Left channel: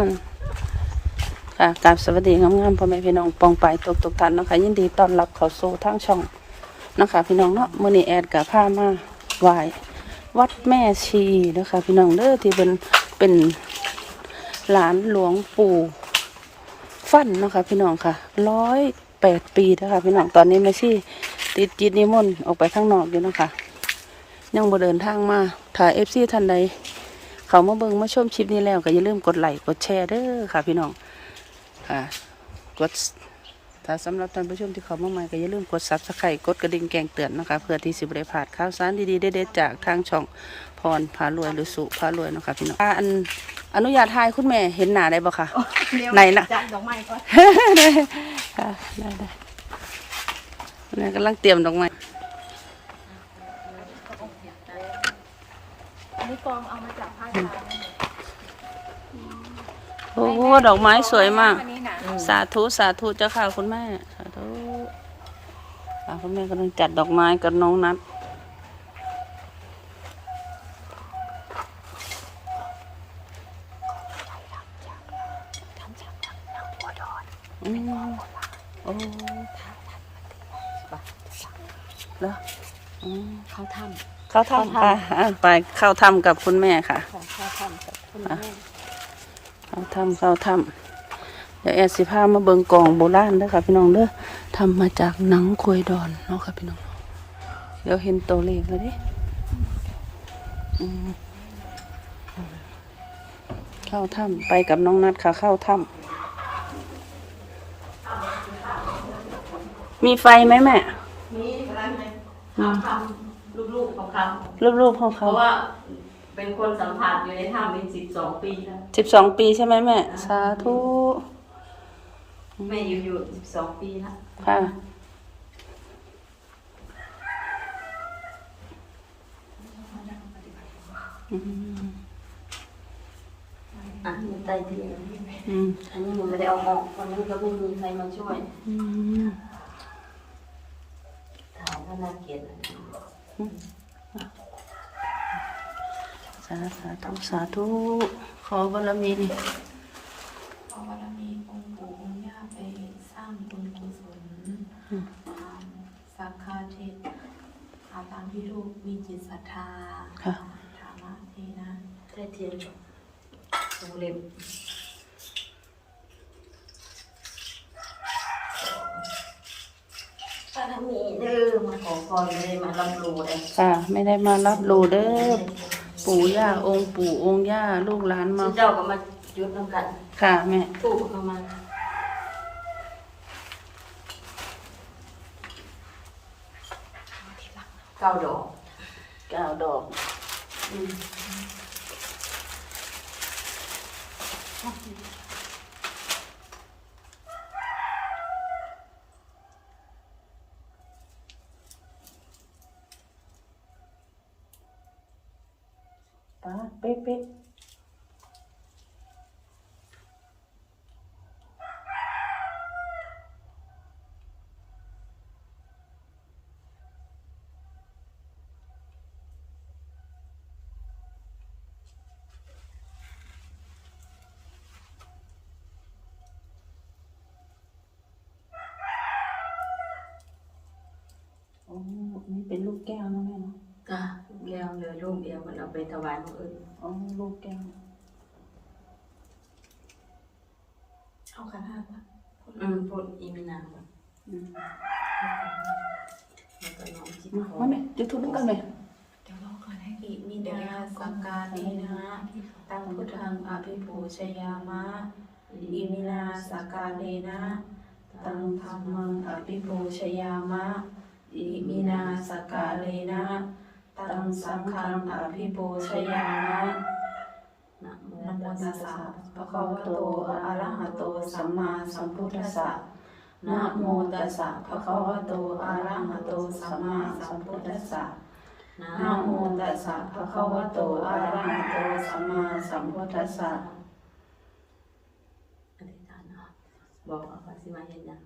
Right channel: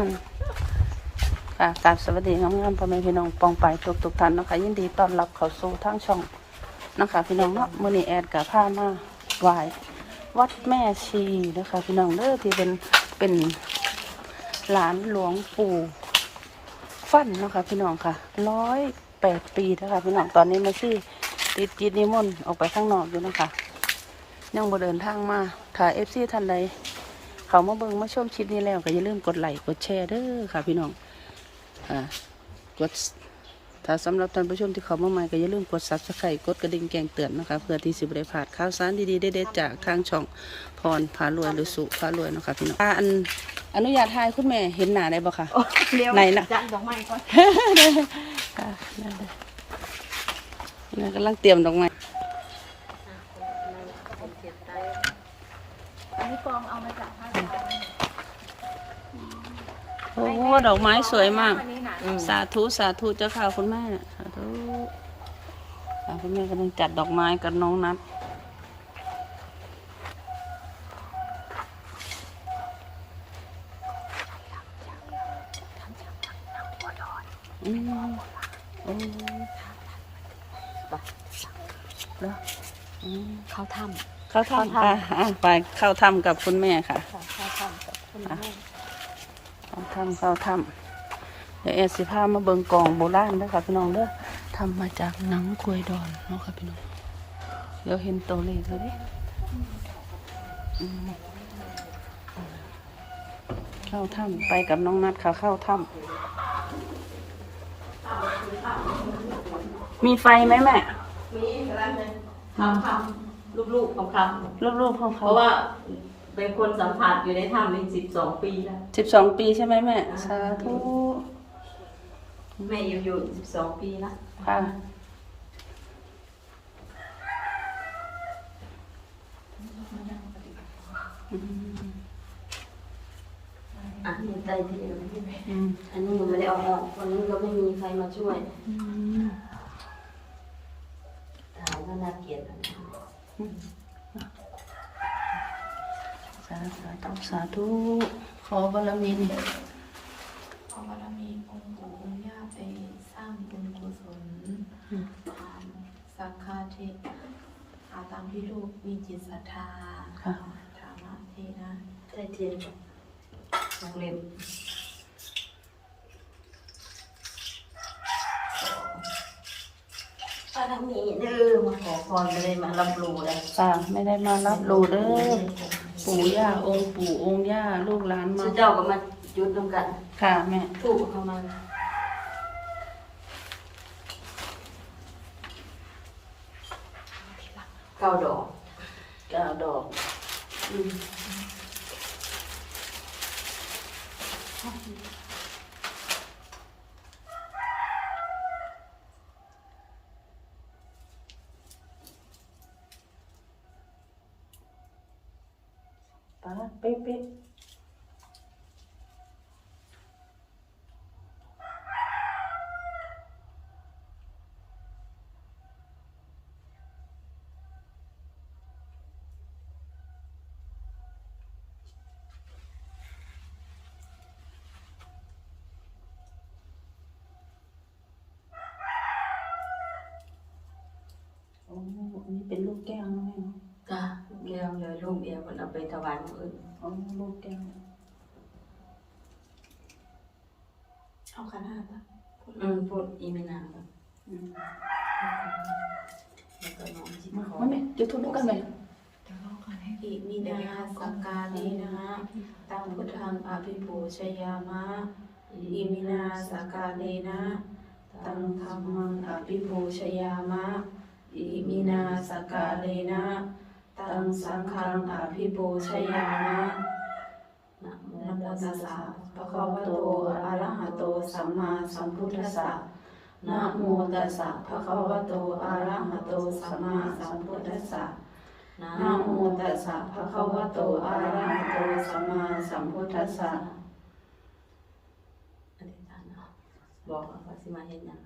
อืมค่ะกราบสวัสดีงามๆพ่อแม่พี่น้องปองไปทุกทุกๆท่านนะคะยินดีต้อนรับเข้าสู่ทางช่องนะคะพี่น้องเนาะมื้อนี้แอดกับพามาไหววัดแม่ชีนะคะพี่น้องเด้อที่เป็นเป็นหลานหลวงปู่ฟันนะคะพี่น้องค่ะร้อยแปดปีนะคะพี่น้องตอนนี้แม่ชีติดจิตนิมนต์ออกไปข้างนอกอยู่นะคะยังบ่เดินทางมาถ่ายเอฟซีท่านใด เขามาเบิ่งมาชมคลิปนี้แล้วก็อย่าลืมกดไลค์กดแชร์เด้อค่ะพี่น้องค่ะกดถ้าสำหรับท่านผู้ชมที่เขามาใหม่ก็อย่าลืมกดซับสไครต์กดกระดิ่งแจ้งเตือนนะคะเพื่อที่สิบได้พลาดข่าวสารดีๆเด็ดๆจากทางช่องพรพารวยหรือสุพารวยเนาะคะพี่น้องอ่าอันอนุญาตทายคุณแม่เห็นหน้าได้บ่คะ เร็วไหนล่ะ จัดดอกไม้ก่อน ค่ะได้บ่แม่กำลังเตรียมดอกไม้ อันนี้กองเอามาจากภาคกลาง โอ้โห ดอกไม้สวยมากอันนี้นะสาธุสาธุเจ้าค่ะคุณแม่สาธุค่ะคุณแม่กำลังจัดดอกไม้กับน้องนัดอืมโอ้แล้วอืมเขาทเข้าถ้ำอะอะไปเข้าถ้ำกับคุณแม่ค่ะำเขาทำกับคุณแม่ เข้าถ้ำเข้าถ้ำเดี๋ยวแอดสิพามาเบิงกองโบราณเด้อค่ะพี่น้องเด้อทำมาจากหนังควยดอนเนาะค่ะพี่น้อง เดี๋ยวเห็นตัวเลขเลยดิอืมเข้าถ้ำไปกับน้องนัดค่ะ เข้าถ้ำมีไฟไหมแม่ มีร้านเลยทำทำลูกๆของเขารูปๆของเพเขาราะว่า เป็นคนสัมผัสอยู่ในถ้ำนี่สิบสองปีแล้วสิบสองปีใช่ไหมแม่ สาธุแม่อยู่อยู่สิบสองปีแล้วค่ะอะอยู่ใต้เตียงอืมอันนี้ยังไม่ได้เอาออกวันนั้นก็ไม่มีใครมาช่วยอืมถ่ายก็น่าเกลียดนะสาธุสาธุสาธุขอบารมีนี่ขอบารมีองค์ปู่องค์ย่าไปสร้างบุญกุศลตามสักคาเทศเอาตามที่ลูกมีจิตศรัทธาค่ะถามมาทีนะใต้เทียนวงเล็บปารมีเด้อมาขอพรไม่ได้มาลำลูเลยค่ะไม่ได้มารับรู้เด้อ ปู่ย่าองค์ปู่องค์ย่าลูกหลานมา เจ้าก็มาจุดน้ำกันค่ะแม่ ถูกเข้ามาเก้าดอกเก้าดอกอืม ป้าเป๊ะเป๊ะโอ้อันนี้เป็นลูกแก้วนะแม่เนาะแก้วเหลือลูกเดียวคนเอาไปถวายคนอื่นอ๋อลูกแก้วเอาขันห้าปะอืมพูดอีเมนาแบบอืมแล้วก็น้องจิตมาขอแม่จุดทูบกันเลยเดี๋ยวรอก่อนให้อิมินาสักกาลีนะตังพุทธังอภิปูชยามะอิมินาสักกาลีนะตังธรรมังอภิปูชยามะอิมินาสักกาลีนะ ตังสังฆังอภิปูชยานะนะโมตัสสะภะคะวะโตอะระหะโตสัมมาสัมพุทธัสสะนะโมตัสสะภะคะวะโตอะระหะโตสัมมาสัมพุทธัสสะนะโมตัสสะภะคะวะโตอะระหะโตสัมมาสัมพุทธัสสะอธิษฐานเนาะบอกเอาสิมาเห็นนะ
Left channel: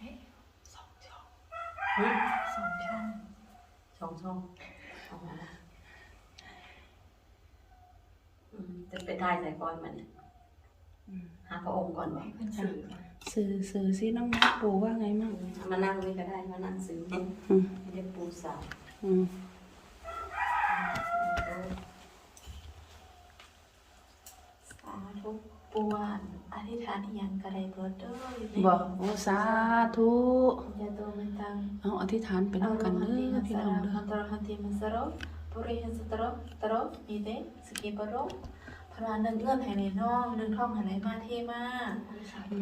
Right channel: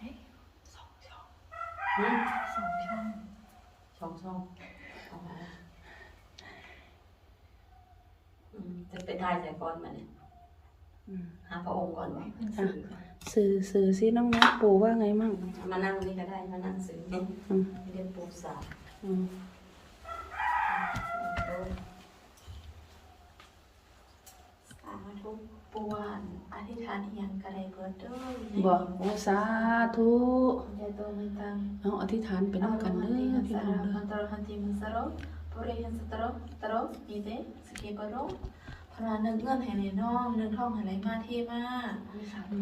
หึ สองช่องสองช่องอ๋ออืมจะไปทายใส่ก่อนมันเนี่ยอืมหาพระองค์ก่อนวะเป็นสื่อสื่อสื่อสิน้องนัดปูว่าไงมั่งมานั่งนี่ก็ได้มานั่งซื้อเนี่ยอืมเรียนปูสายอืมเออสาธุปวนอธิษฐานอหย่างกระไรเบิดเด้อบอกโอ้สาธุจะโตมันตัง เอาอธิษฐานไปน้ำกันเด้อพี่น้องเด้อตรหันติมัสโรปุริหันสตโรตโรมีเตสกิปโรพระนึงเงื่อนให้ในน้องนึงท่องให้ไหลมาเทมา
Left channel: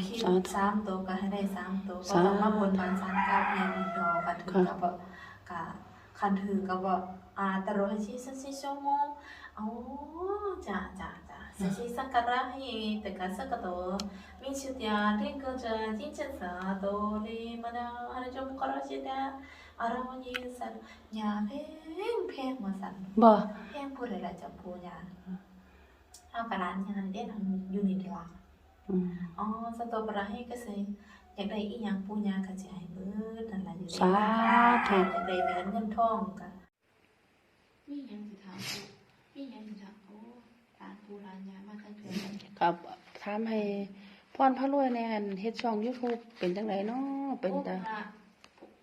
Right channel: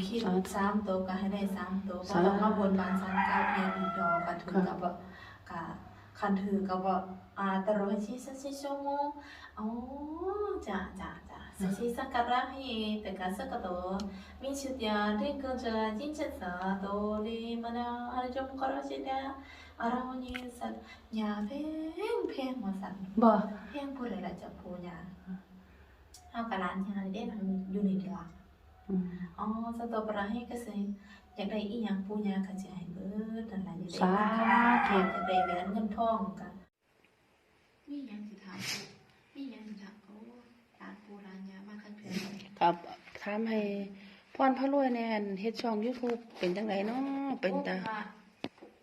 คิดสามตัวก็ให้ได้สามตัวก็ต้องมาบนบานสารเก้าให้อีกดอกกันถึงกับบอกกะคันถือกับบ อกอ่าตโรให้ชิสัชิโชโมอ๋อจ้ะจ้ะจ้ะสัชิสักการะให้แต่การสักกะโตมีชื่อเดียเรียกจะจิตสาโตเลมานาฮาร์จมกรชิดาอารามณีสัตยาเพงเพงมาสันบอกเพงพูดอะไรจะพูดยาเอากระดานยาเด่นอยู่นี่เดียวอืมอ๋อสตอปราให้ก็สิอยากได้อีหยังปูยาก็สิให้เบิดนั่นล่ะอยู่สาธุอยากได้แหวนเงินทองกัน มีหยังสิถามมีหยังสิถามโอ้ร้านปูร้านยามากันเพื่อนครับถามให้พรพระรวยในอันเฮ็ดช่อง YouTube เป็นจังไดเนาะเป็นตา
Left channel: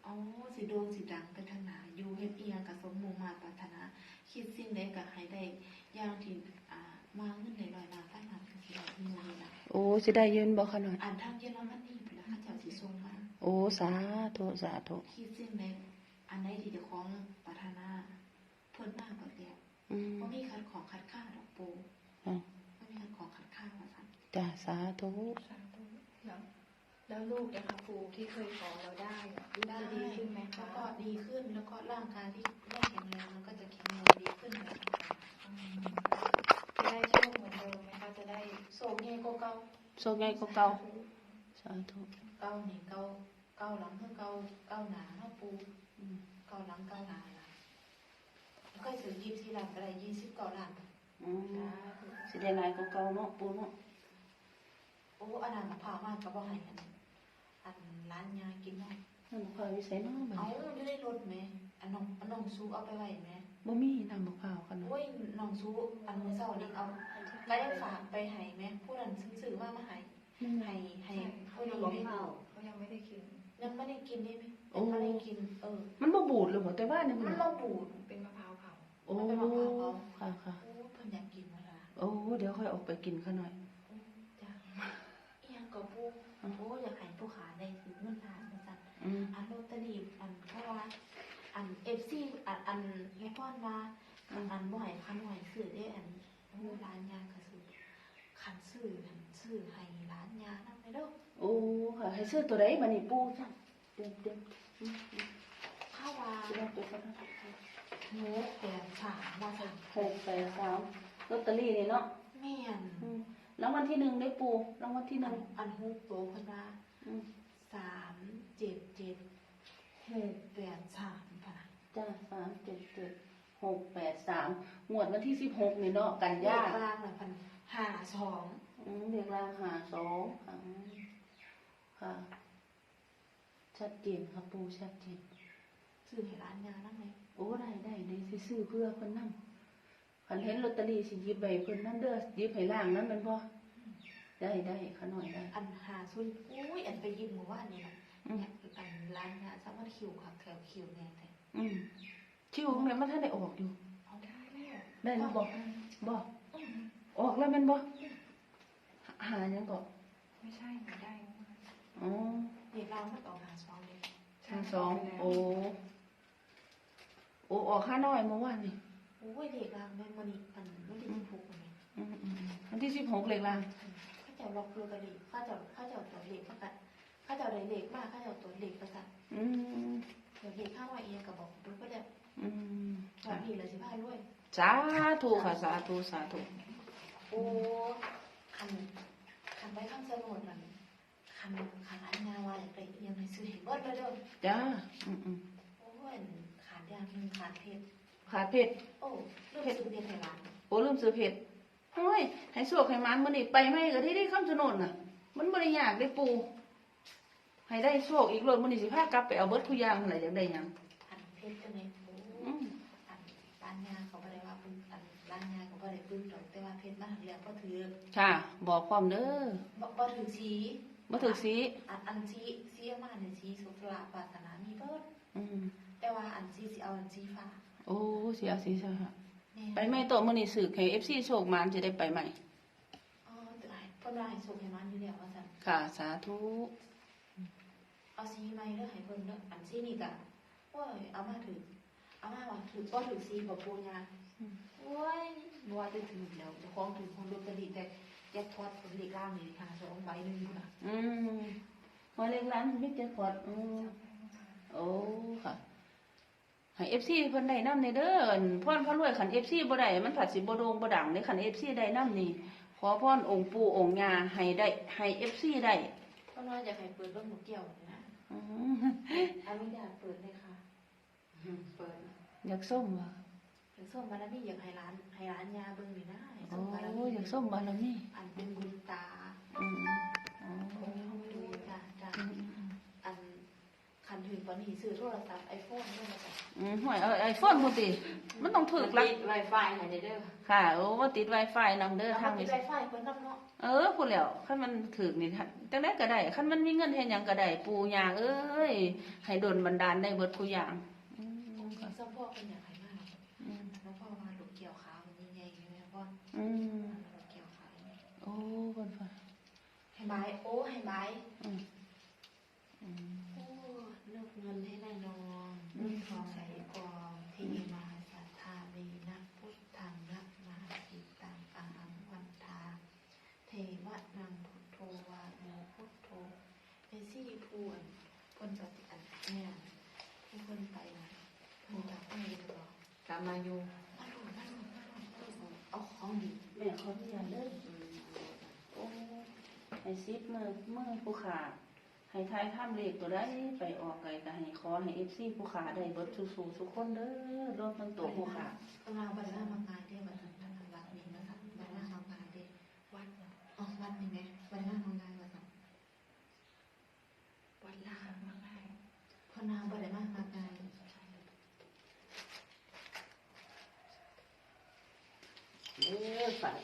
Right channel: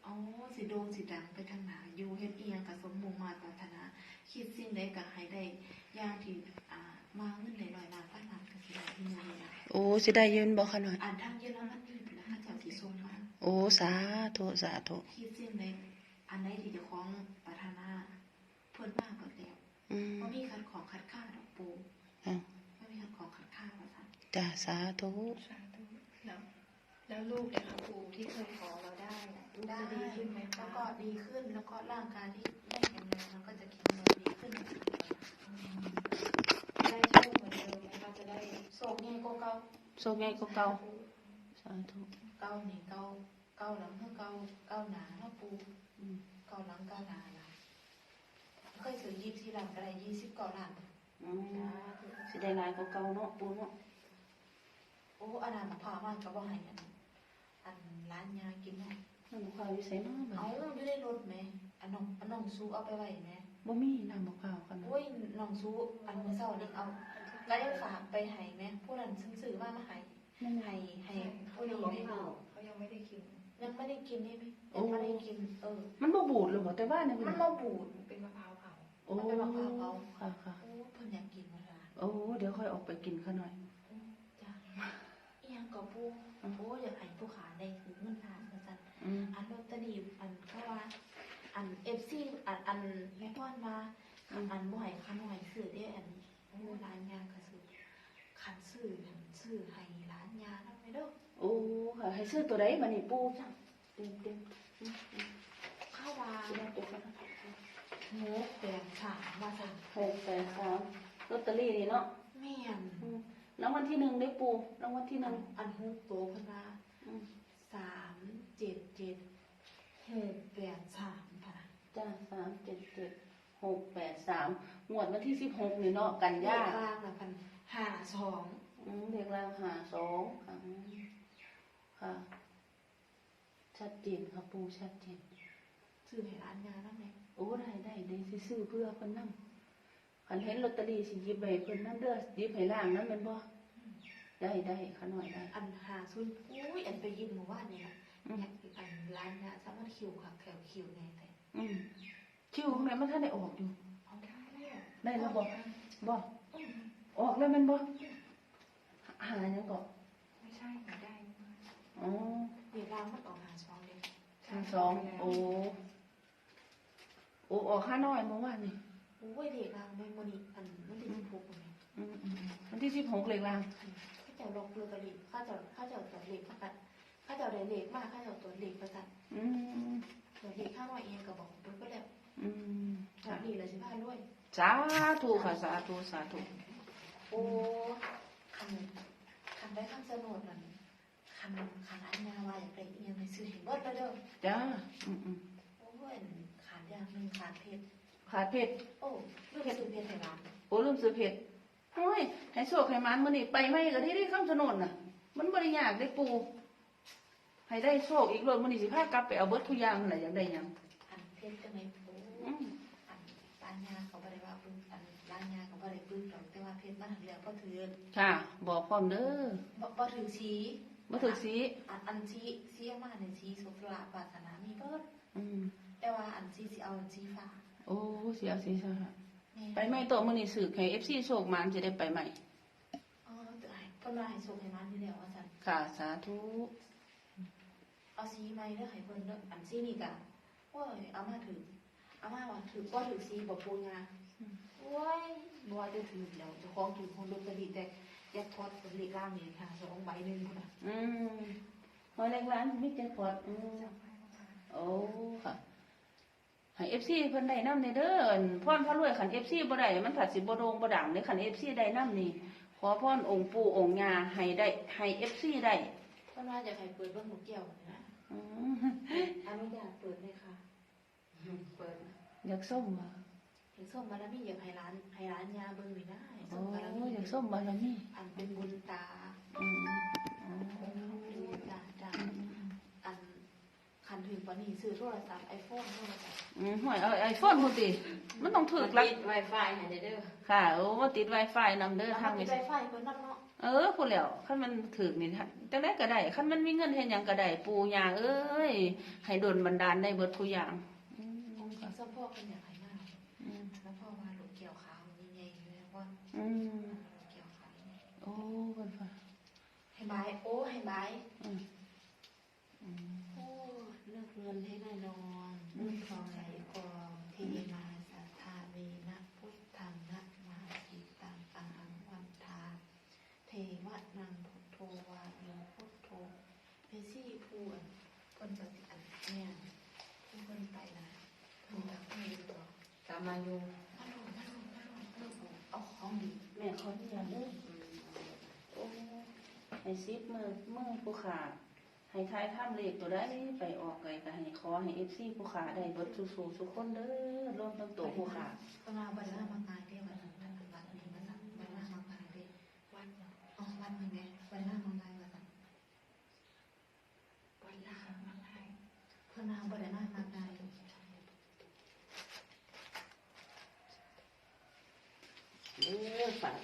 อ๋อสิโดงสิดังไปทางหนาอยู่เฮ็ดอีหยังก็สมมุงมาปรารถนาคิดสิ่งใดก็ให้ได้อย่างที่อ่ามาเงินหน่อยๆล้านล้านล้านก็สิได้มีเงินหลายโอ้สิได้ยืนบ่ขนาดๆอ่านทางเยอรมนีพุ่นล่ะเขาเจ้าสิส่งมาโอ้สาธุสาธุคิดสิ่งใดอันใด สาธุสาธุแล้วแล้วลูกเองครูที่เคยขอเราได้อะลูกได้จะดีขึ้นไหมแล้คะวก็ดีขึ้นแล้วก็ร่างกายที่ไม่แข็งแรงมันก็จะแข็งแรงดีขึ้นได้โชคเหมือนเดิมนะคะจะได้โชคแง่ก็เก้าโชคใหญ่กว่าเก่าสาธุเก้านี่เก้าเก้าหลังเท่าเก้าเก้าหนาเท่าปูอืมเก้าหลังเก้าหนาล่ะก็ถือยี่ที่หลังก็ได้ยี่สิบเก้าหลังอืมสิได้หลายกว่าเก่าเนาะปูเนาะ โอ้อันนั้นมะพร้าวมันก็บ่ให้อันอันร้านยากินเนาะมันบ่ค่อยวิเศษเนาะแบบเอานี้อยู่ในรถไหมอันน้องอันน้องซูเอาไปไว้ไหมบ่มีน้ำมะพร้าวกันโอ้ยน้องซูอันมื้อเช้านี่เอาไว้ฝากไปให้ไหมผู้นั้นซื้อมามาให้ให้ให้ผู้อยู่ให้ดูเขายังไม่ได้กินยังไม่ได้กินได้ไหมยังไม่ได้กินเออมันบ่บูดเลยบ่แต่ว่านี่มัมันนมาบูดเป็นมะพร้าวเผาโอ้มันเป็นมะพร้าวเผาค่ะค่ะโอ้เพิ่นอยากกินมาละโอ้เดี๋ยวค่อยออกไปกินข้างหน่อยจ้ะอีหยัง ก็ปูโอ้อยากให้ผู้ขายได้คือเงินทานมาสั่นอืมอันลอตเตอรี่อันเพราะว่า อัน FC อันอันแม่พ่อนมาอันบ่ให้คันบ่ให้ซื้อได้อันโอ้ร้านยาก็ซื้อคันซื้อคันซื้อให้ร้านยานำไปเด้อโอ้ค่ะให้ซื้อตัวใดบัดนี้ปูจ้ะเต็มเต็มอืมอืมข้าววาสิได้ตัวกันหมูแดงฉ่ามาสั่นหกแปดสามลอตเตอรี่นี่เนาะแม่นอืมรางวัลที่หนึ่งได้ปูรางวัลที่หอันึ่นงอันฮุกโตเพิ่นว่าอืมสามเจ็ดเจ็ดหกแปดสามค่ะจ้าสามเจ็ดเจ็ดหกแปดสามงวดวันที่สิบหกนี่เนาะกันเลยาขกกลางน่ะพันห้าสองอืมเรียกรางหาสองค่ะอืมค่ะชัดเจนครับปูชัดเจนซื้อให้ร้านงานนั่นไหมโอ้ได้ได้เดี๋ยวสิซื้อเพื่อคนนั่งคันเห็นลอตเตอรี่สิหยิบใบคนนั่นเด้อหยิบให้ล่างนั้นแมันบ่ ได้ได้ขาหน่อยได้ อันหาซุนอุ้ยอันไปยินหมู่ว่านนี่นะอืม อันร้านงานสามารถคิวค่ะแถวคิวแน่แต่อืมชิวของแม่มันท่านได้ออกอยู่เอาได้ได้มาบอกบอกออกแล้วแม่นบ่หายังก็ไม่ใช่ไม่ได้นะคะอ๋อเดี๋ยวเราไม่ต่อหาสองเลยทางสองโอ้โอ้ออกห้าน้อยเมื่อวานนี่โอ้ยเด็กรางมันมันอีกอันมันเป็นสิบหกเนี่ยอืมอืมวันที่สิบหกเลยล่ะข้า เจ้าล็อกลอตเตอรี่ข้าเจ้าข้าเจ้าตัวเลขประกันข้าเจ้าได้เลขมากข้าเจ้าตัวเลขประกันอืมเดี๋ยวเลขข้างว่าเองก็บอกดูก็ได้อืมแบบนี้เลยสิพาด้วยสาธุค่ะสาธุสาธุโอ้คันคันไปข้างสนุนมันคันคันอันนาว่าอยากได้ยังไงซื้อเห็นเบิดแล้วเด้อจ้าอืมอืมโอ้ยขาดยางมันขาดเพชรขาเพชรโอ้ลูกซื้อเพชรให้หลานโอ้ลืมซื้อเพชร โอ้ยให้โชคให้มันมื้อนี้ไปไม่ก็ได้ได้คำสนนน่ะ มันบ่ได้ยากได้ปูให้ได้โชคอีกเลยมื้อนี้สิพากลับไปเอาเบิดทุกอย่างนั่นน่ะอยากได้หยังอันเพชรจะไม่ปูอืมอันบ้านนาเขาก็ได้ว่าพึ่งอันร้านนาเขาก็ได้พึ่งหรอกแต่ว่าเพชรบ้านเรียนก็ถือค่ะ บอกพร้อมเด้อบ่บ่ถือชี้บ่ถึกสีอันอันชี้ชี้ออกมาหนึ่งชี้สุขลาภวาสนามีเบิดอืมแต่ว่าอันชี้สิเอาอันชี้ฟ้าโอ้เสียสีใช่ค่ะแม่ ไปแม่โตมื้อนี้สืบให้ FC โชคมาจะได้ไปใหม่อ๋อเดี๋ยวให้เพิ่นว่าให้ส่งให้มันอยู่แล้วว่าซั่นค่ะสาธุเอาชี้ใหม่เด้อให้เพิ่นเด้ออันชี้นี่ก็โอ้ยเอามาถือเอามาว่าถือบ่ถือชี้บ่ปูงาโอ้ยบ่ว่าจะถือแล้วเจ้าของถือคนลอตเตอรี่แต่แจ็คพอตเป็นเลขล่างนี่ค่ะสองใบหนึงพุ่นน่ะอืมมาเล็กร้านมิตรพอดอืมโอ้ค่ะ ให้ FC เพิ่นได้นำในเด้อพรพระรวยคัน FC บ่ได้มันผัดสิบ่โด่งบ่ดังเด้คัน FC ได้นำนี่ขอพรองค์ปู่องค์ย่าให้ได้ให้ FC ได้เพิ่นว่าจะให้เปิดเบิ่งหมูเกี่ยวนะอืมอนุญาตเปิดเลยค่ะเปิดอยากส้มบ่เห็นส้มบารมีอยากให้ร้านให้ร้านยาเบิ่งนี่นะให้โอ้ส้มบารมีอยากส้มบารมีอันเป็นบุญตาอืมอ๋อจ้าจ้า อืมอืมอืม อันคั นถึงตอนนี้ซื้อโทรศัพท์ไอโฟนด้วยจ้ะอืมห่วยเอาไอโฟนพุ่นติ มันต้องถูกลักติดไวไฟไหนเด้อค่ะโอ้ว่าติด Wi-Fi นำเด้อทางมีนี้ไฟไฟเพิ่นนำเนาะเออพูดแล้วคันมันถึกนี่ท่านจังได๋ก็ได้คันมันมีเงินเฮ็ดหยังก็ได้ปู่ย่าเอ้ยให้ดลบันดาลได้เบิดทุกอย่างอืมค่ะส้มพ่อเป็นอยากให้มากอืมแล้วพ่อว่าลูกเกี่ยวขาวมันใหญ่ๆอยู่แล้วพ่ออืมลูกเกี่ยวขาวโอ้เพิ่นว่าให้ไม้โอ้ให้ไม้อืมอืมโอ้ เงินให้แน่นอนเลือกทองใส่กองเทมาสัทธาเวนะพุทธังนักมาจิตังอาหังวันทา เทวะนังพุทโธวาโยพุทโธเป็นสิริพูนคนปฏิอันเนี่ยที่คนไปนะมีอยากให้ดูต่อตามมาอยู่มาดูมามาดูมเอาของดีแม่ขออนุญาตเด้อโอ้ให้ซิปมือมือผู้ขา ให้ทายข้ามเลขตัวใดไปออกไกลก็ให้ขอให้ FC ผู้ขาได้เบิดสู่ๆทุกคนเด้อรวมทั้งตัวผู้ขาพวเราบริวารมางานได้แบบนั้นวัดนี้นะคะบริวารมางานได้วัดอ๋อวัดนี่ไงบริวารมางานมาสักวัดลาวมางานพวกเราบริวารมางานเด้อฝาก